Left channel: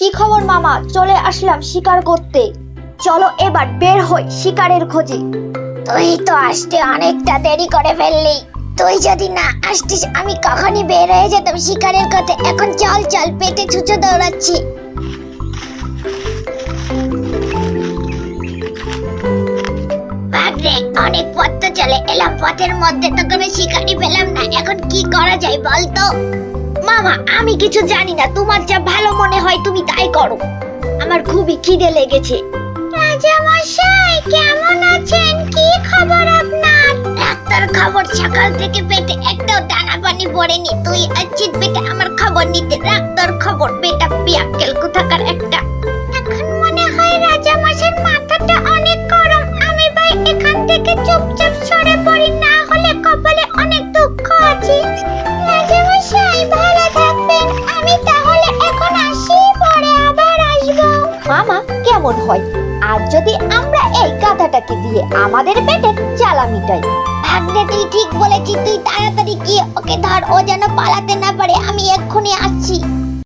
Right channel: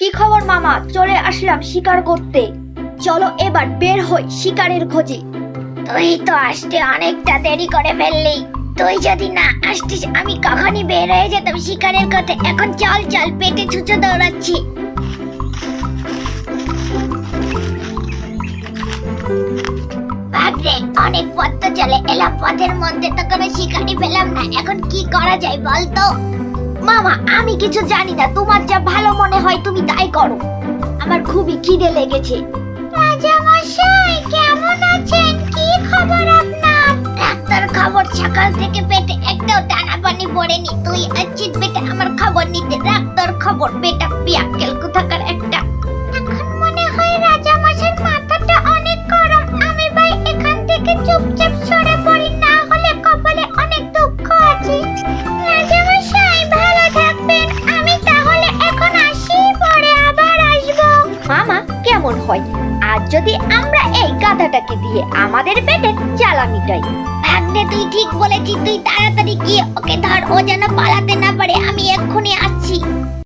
মামা? চলে আসলাম শিকার করতে। চলো এবার বের হই শিকারের খোঁজে। তুই তো আসতে অনেকটা দেরি করে ফেললি। তুই যদি না আসতিস, আমি কখনই বের হয়ে যেতাম শিকারের কথা এখন চল চল, পেটে ছুঁচো দৌড়াচ্ছি। ভাগ্রে অনেক পথ তো চলে। এলাম পথের মধ্যে তো কোনো শিকারি পেলাম না। এখন কি করা যায় বলতো? মামা, আমি কিছু জানি না। তোমার যা ভালো মনে হয় তুমি তাই করো। আমার খুবই খিদে লেগেছে। রাজামশাই, কেমন আছেন? কি খবর আপনার? ডাক্তার খবর সকাল থেকে পেটে একটাও দানা পানি পড়েনি। তুই আছিস বেটা আমার খবর নিতে। ডাক্তার খবর, বেটা পিয়াক্কেল কোথাকার একটা কেমন হয়। আর যদি আমরা এই গাধাটাকে দিয়ে আমাদের পেটের জ্বালা মিটাই। ভাগ্নে, তুই ঠিক বলেছিস, তুই তাড়াতাড়ি গিয়ে ওকে ধর, ও যেন পালাতে না